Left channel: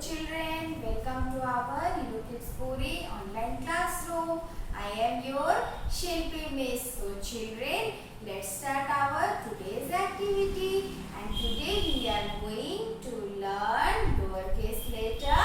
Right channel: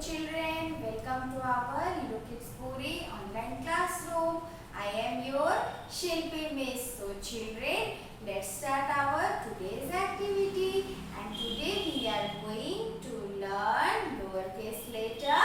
children, welcome to our Hello Kids Puri online classroom. I am your Shilpi Miss. So children, let's start our today's activity. And today we are going to learn lowercase letter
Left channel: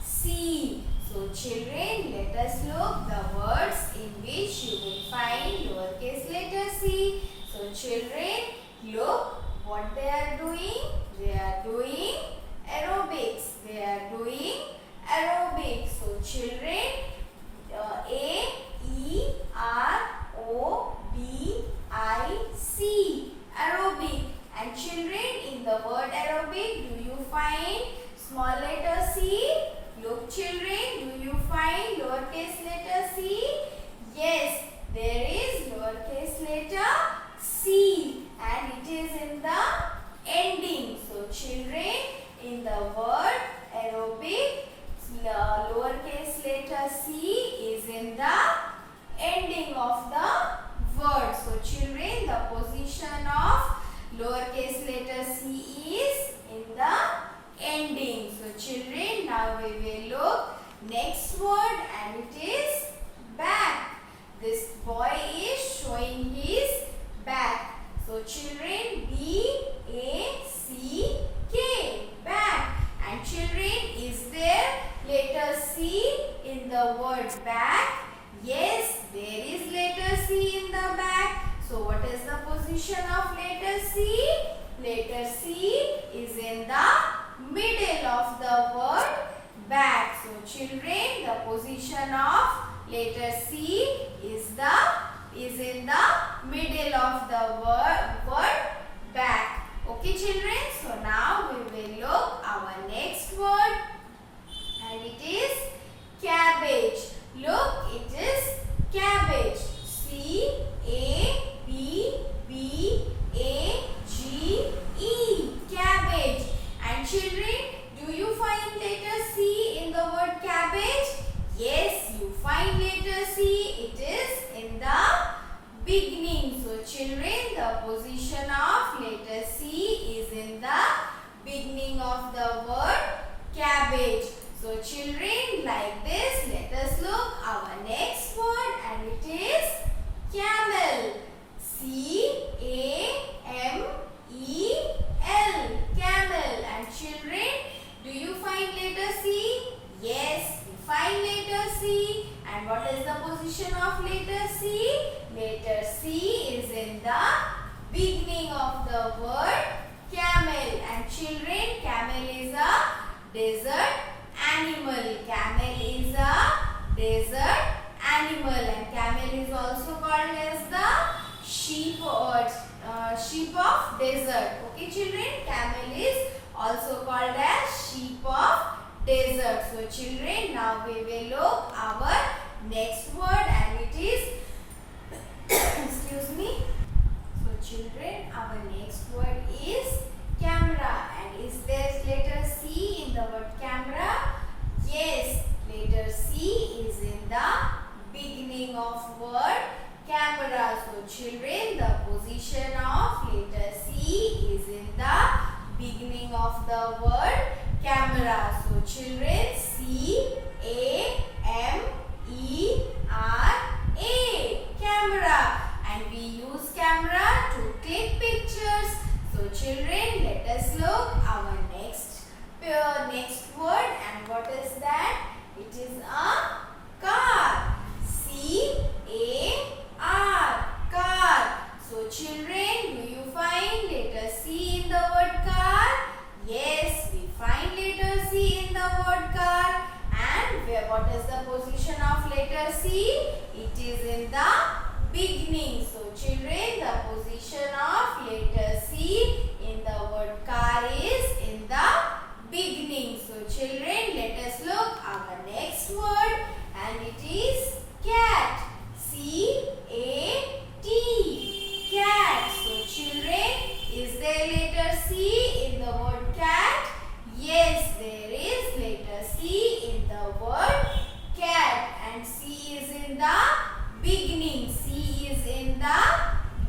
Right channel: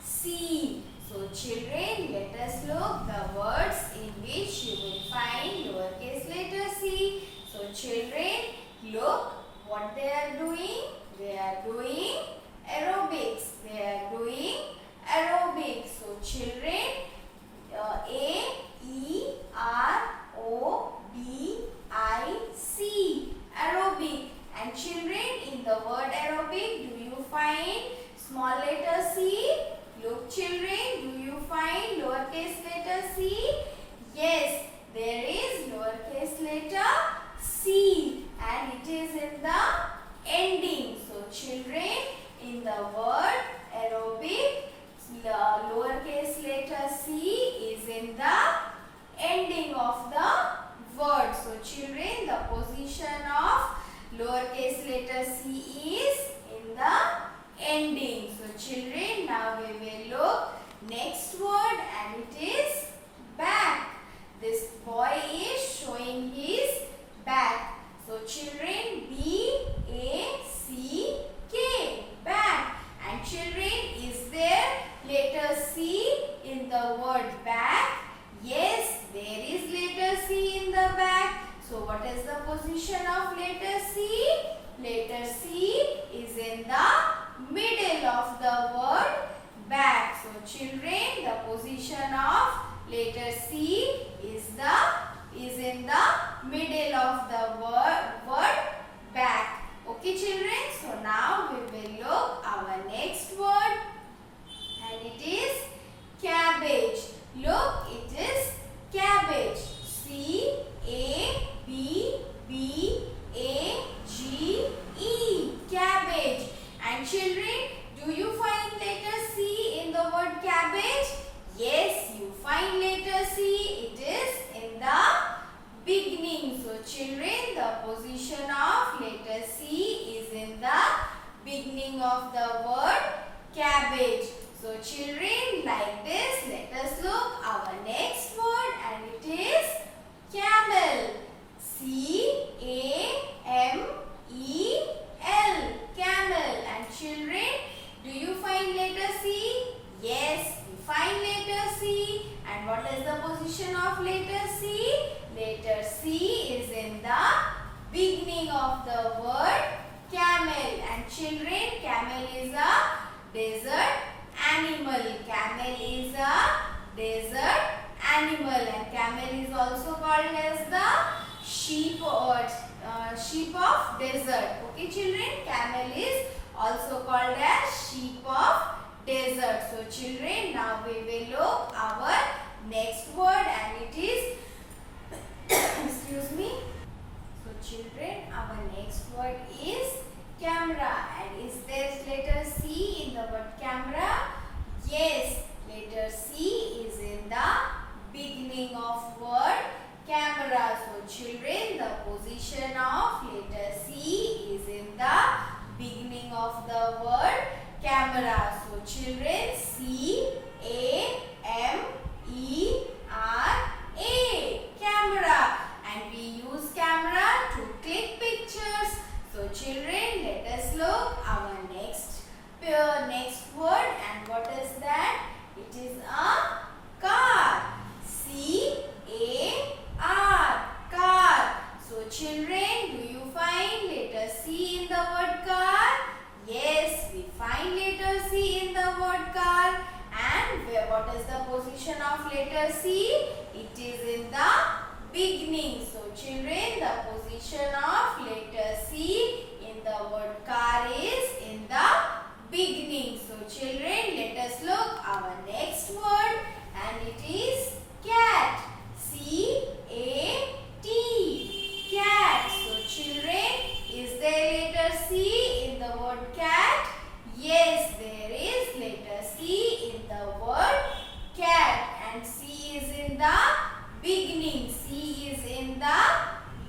C. So children, let us look the words in which you will find lowercase letter C. So children, look what they are doing. They are doing aerobics. They are doing aerobics. So children, A-E-R-O-B-I-C, aerobic. And children, in the word aerobic, do you find small letter C? Look children, do you find lowercase letter C? Yes, there is lowercase letter C and it is in the ending. So children, in the word aerobic, lowercase letter C is in the ending of the word. So children, the position of lowercase letter C is in the ending. So children, now we will look next word and it is back. This boy is showing his back. So children, B-A-C-K, back. And children, is there letter C in the word back? Yes, there is letter C in the back. So what is the position of letter C? Letter C is in the middle of the word back. So children, the position of letter C is in the middle of the word back. Okay children, so now we will look our next word and it is cabbage. Look, it is cabbage. C-A-B-B-A-G-E, cabbage. And children, do you find letter C in the word cabbage? Yes, you find letter C. It is in the beginning. So children, the position of letter C is in the beginning of the word cabbage. So children, like this, let us look our next word and it is camel. C-A-M-E-L, camel. And children, do you find letter C? Yes, we find letter C. And what is the position of letter C? Letter C is in the beginning of the word camel. And children, camel is a desert animal. Camel is a desert animal. And camel is also called as the sheep of desert. Okay children, camel is also called as sheep of desert. So children, now we will look our next word and it is excuse me. So children, our next word is camera. And is there letter C in the word camera? Yes, letter C is in the beginning of word camera. So children, the position of letter C is in the beginning of the word camera. So children, C-A-M-E-R-A, camera. And we use camera to click pictures. So children, let us look our next word and what is that? It is a car. C-A-R, car. So children, do you find letter C in the word car? Yes, we find letter C in the word car. And what is the position of letter C? It is in the beginning. So children, the position of letter C in the word car is in the beginning. So children, let us look our next word and it is cat. C-A-T, cat. So children, is there letter C in the word cat? Yes, there is letter C in the word cat and C is in the beginning. C is in the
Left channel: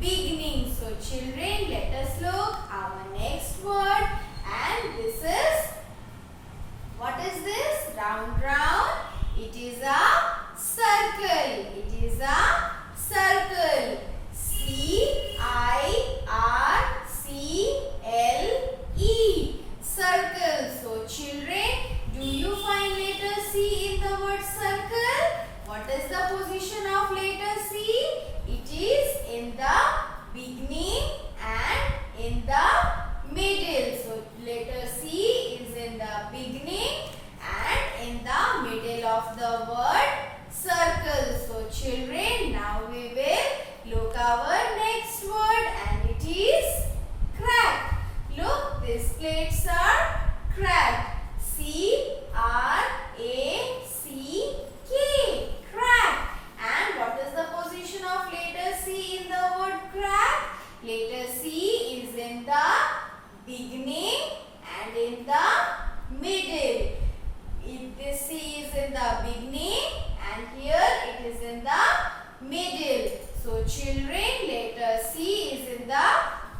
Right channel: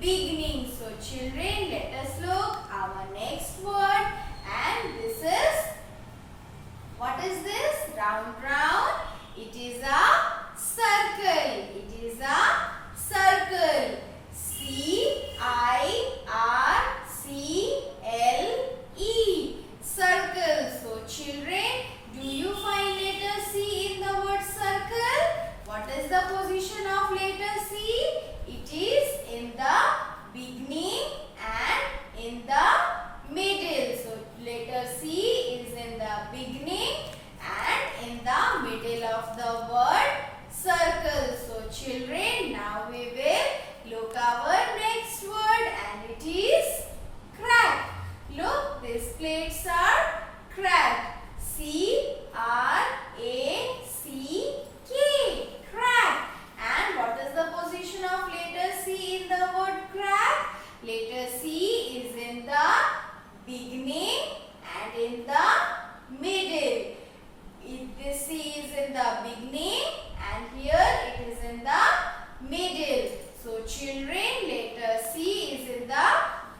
beginning. So children, let us look our next word and this is, what is children, do you find letter C in the word circle? What is the position of letter C? It is in the beginning and in the middle. So letter C is in the beginning and in the middle of the word circle. So children, now we will look our next word and it is crack. Look, these plates are cracked. C-R-A-C-K. Crack. And what is the position of letter C in the word crack? Letter C is in the beginning and in the middle. If this C is in the beginning and here it is in the middle. So children, letter C is in the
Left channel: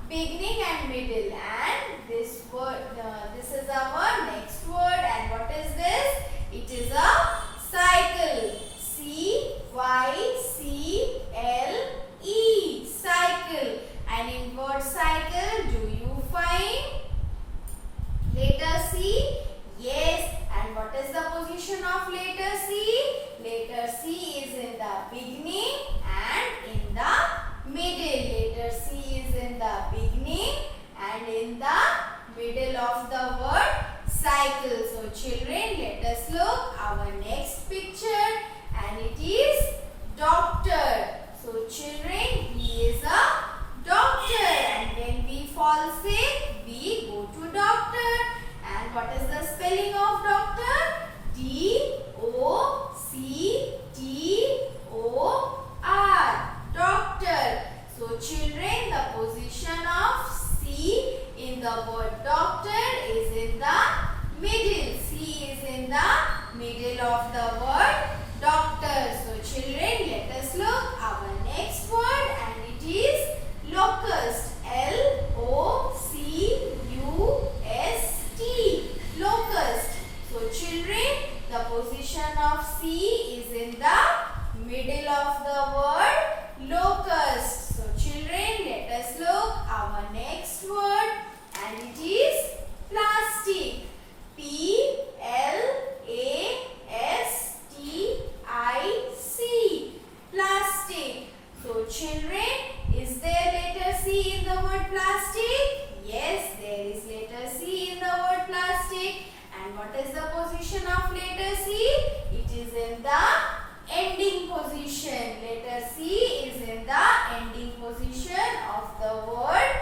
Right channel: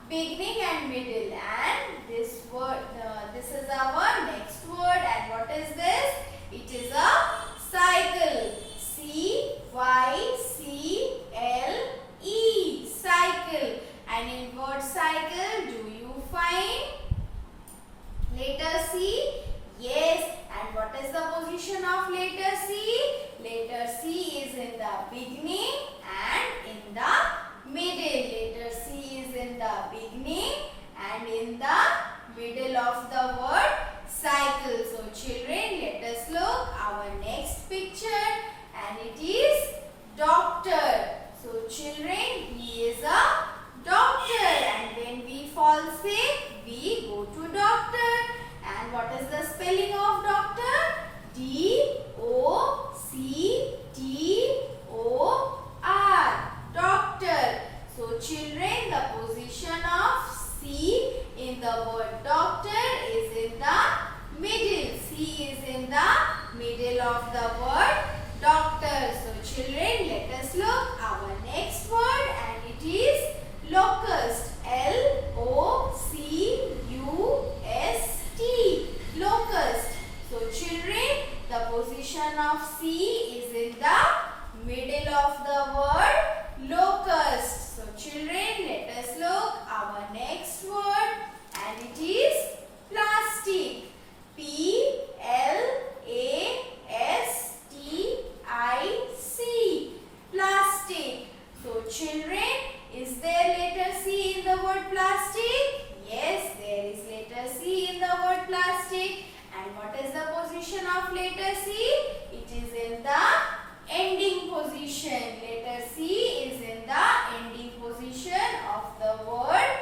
beginning and middle, and this word, this is our next word. And what is this? It is a cycle. C-Y-C-L-E. Cycle. And in word cycle, do you find letter C? Yes. And what is the position of letter C? Letter C is in the beginning and in the middle. Letter C is in the beginning and in the middle of the word cycle. So children, let us look our next picture and it is doctor. So children, he is a doctor, and when we fall sick, we go to doctor. And what is the spelling of doctor? D-O-C-T-O-R. Doctor. So children, the position of C in the word doctor is in the middle. C is in the middle of the word doctor. So children, let us look our next word and it is locust. L-O-C-U-S-T. Locust. So children, the position of C is in the middle of the word locust. So children, let us look our next word and it is plastic. P-L-A-S-T-I-C. Plastic. So children, is there letter C in the word plastic? Yes, there is letter C in the word plastic. And what is the position of letter C? It is in the ending position. Letter C is in the ending position of the word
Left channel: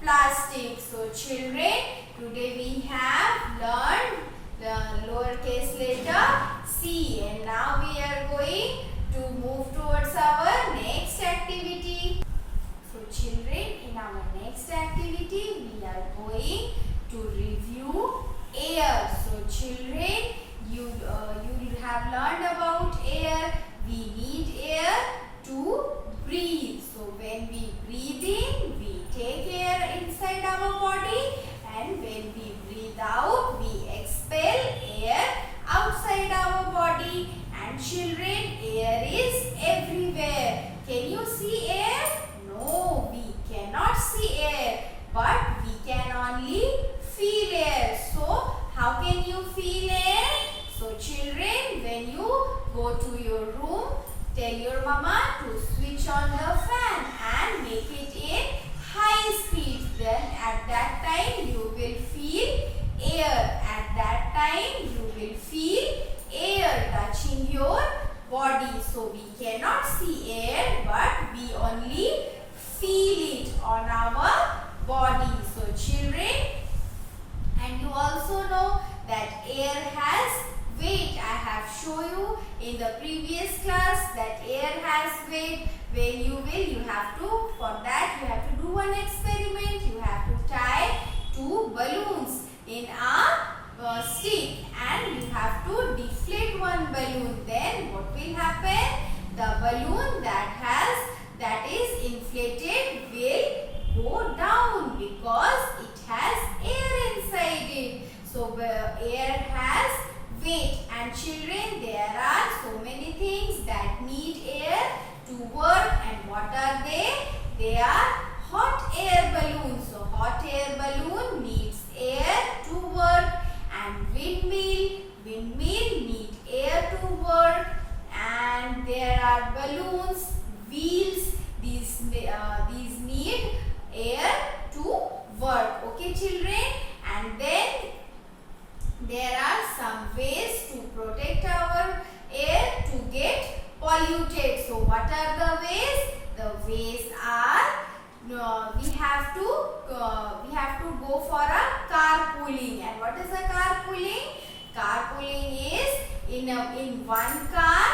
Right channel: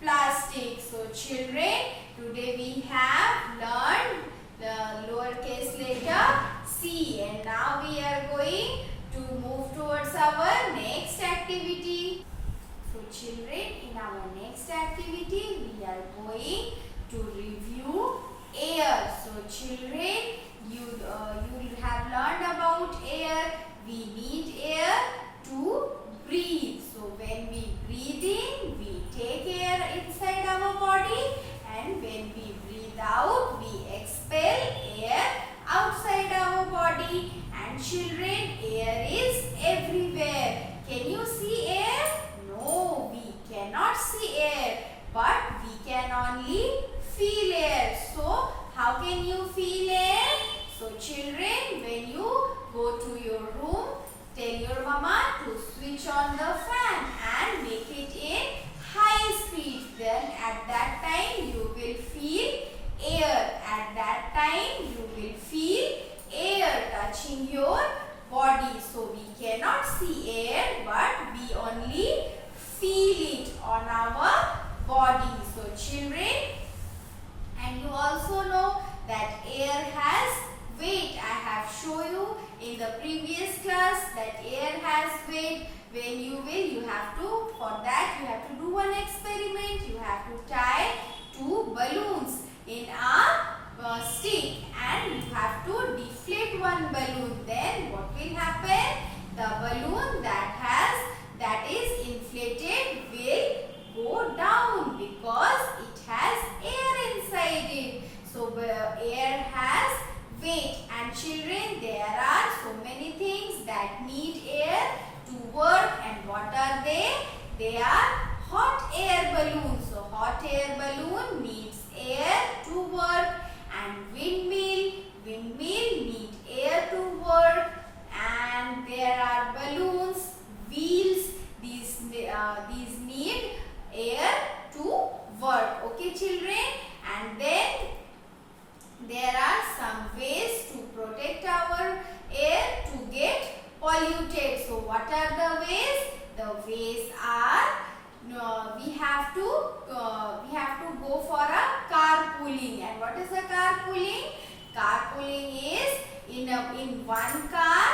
plastic. So children, today we have learned the lowercase letter C, and now we are going to move towards our next activity. So children, in our next activity we are going to review air. So children, you have learned about air. We need air to breathe. So when we breathe in, we take air inside our body, and when we breathe out, we expel air outside our body. And children, air is everywhere. Can you see air? No, we cannot see air, but we can only feel air. So how can you feel air? So children, when you go to your room, tell your mama to switch on the fan and make it in high speed. Then at that time you will feel air. At that time you will feel air touching your body. So we cannot see air, but we only feel it on our body. So children, and you also know that air has weight. I have shown you in the previous class that air has weight. When you have to, for that you have to do one experiment. You have to tie two balloons in a stick, and you have to deflate one balloon. Then what will happen? The balloon that is inflated will go down because it has air inside it. So air has weight. And children, there are so many things that need air to work. And what are they? They are hot air balloons. So hot air balloon needs air to work. and windmill. Windmill need air to work, and there are balloons, wheels. These need air to work. Okay, children. And then there are some ways to protect our air to get polluted. So what are the ways? The ways are we have to go for a carpooling. And what is a carpooling? Carpooling is in one car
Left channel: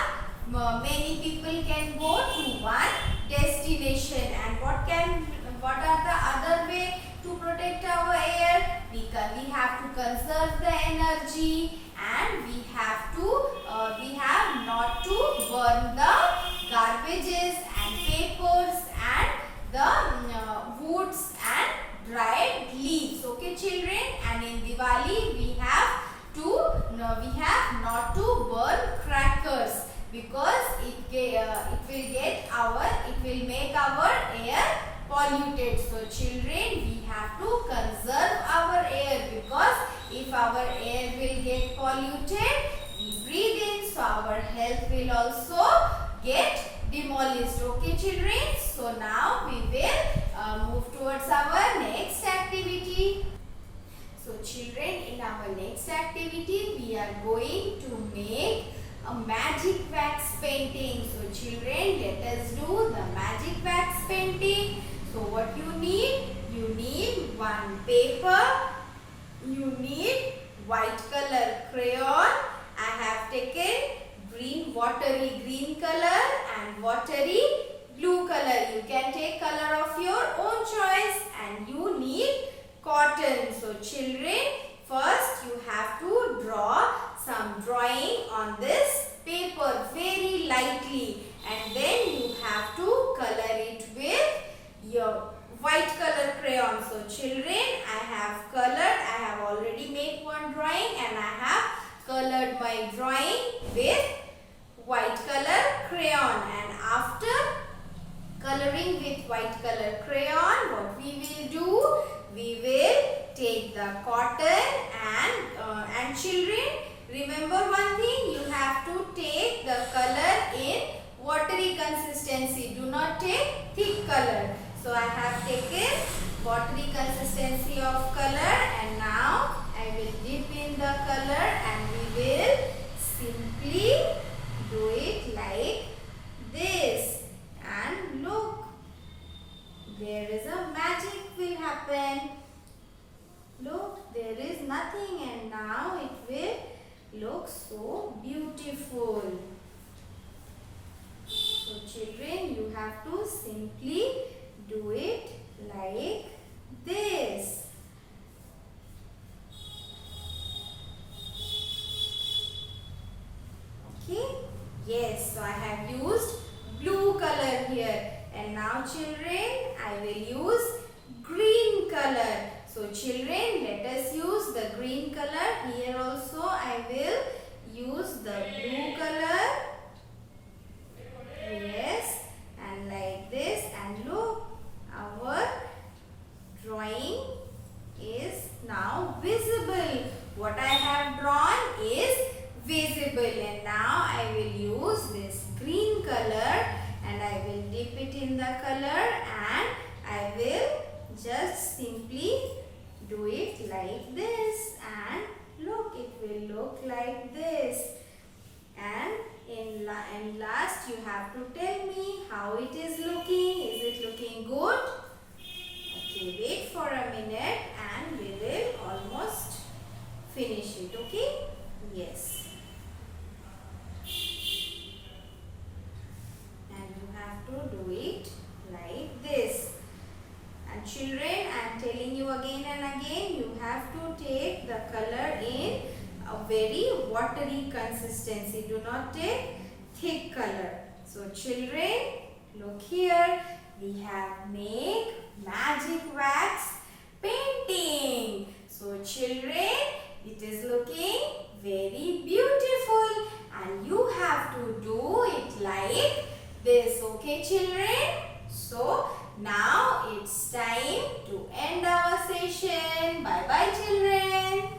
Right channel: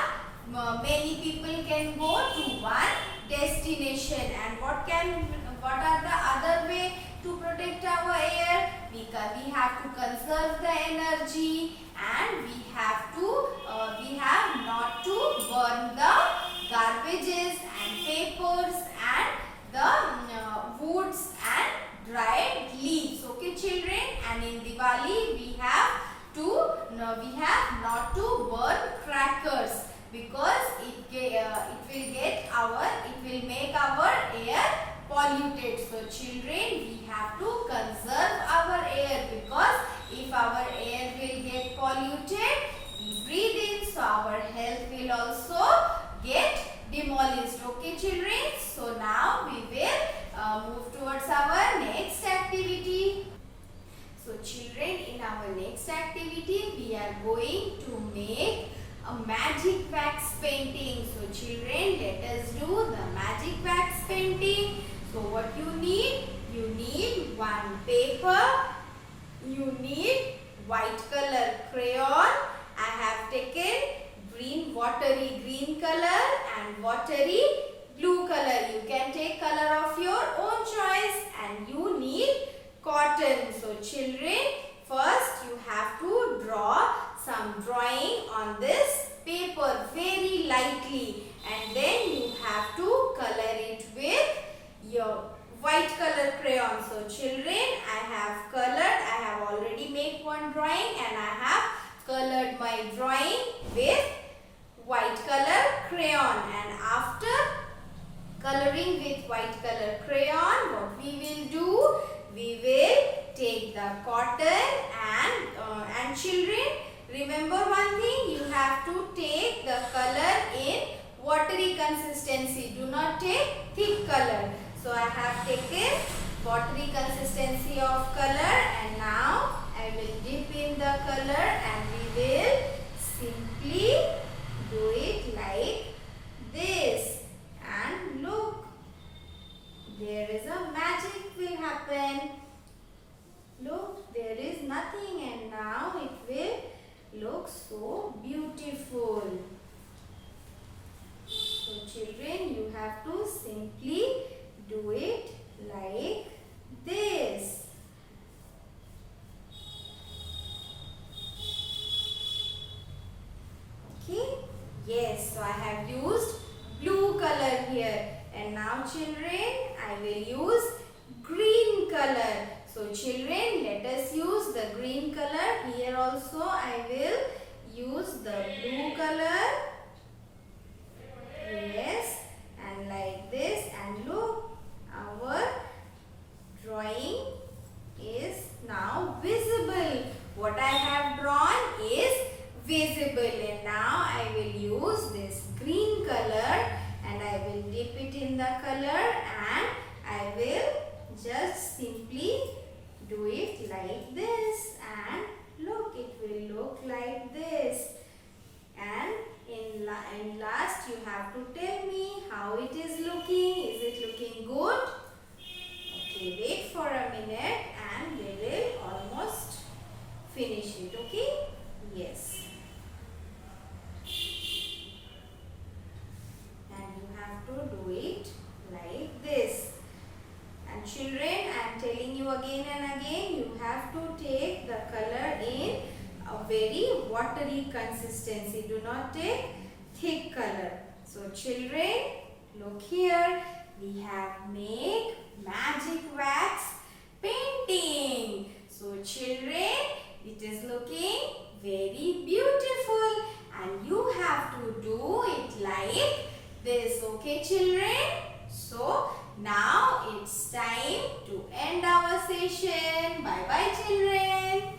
many people can go to one destination. And what are the other way to protect our air? We have to conserve the energy, and we have not to burn the garbages and papers and the woods and dried leaves. Okay, children. And in Diwali we have not to burn crackers, because it will make our air polluted. So children, we have to conserve our air, because if our air will get polluted, we breathe in, so our health will also get demolished. Okay, children. So now we will move towards our next activity. So children, in our next activity we are going to make a magic wax painting. So children, let us do the magic wax painting. So what you need one paper, you need white color crayon. I have taken watery green color and watery blue color. You can take color of your own choice. And you need cotton. So children, first you have to draw some drawing on this paper very lightly, and then you have to color it with your white color crayon. So children, I have already made one drawing, and I have colored my drawing with white color crayon. And after coloring with white color crayon, what we will do? We will take the cotton and children, remember one thing, you have to take the color in watery consistency. Do not take thick color. So I have taken watery consistency of color, and now I will dip in the color, and we will simply do it like this. And look, there is a magic will happen. Look, there is nothing, and now it will look so beautiful. So children, you have to simply do it like this. Okay? Yes, so I have used blue color here. And now children, I will use green color. So children, let us use the green color. Here also I will use the blue color. Yes, and like this. And look, our drawing is now visible. What I have drawn is visible. And now I will use this green color, and I will dip it in the color, and I will just simply do it like this. And look, it will look like this. And in last, you have to tell me how it is looking. Is it looking good? Okay, wait for a minute, and we will almost finish it. Okay? Yes. Do it like this. And children, I am telling you again and again, you have to take the color in a very watery consistency. Do not take thick color. So children, look here, we have made magic wax painting. So children, it is looking very beautiful, and you have to do it like this. Okay, children? So now it's time to end our session. Bye bye, children.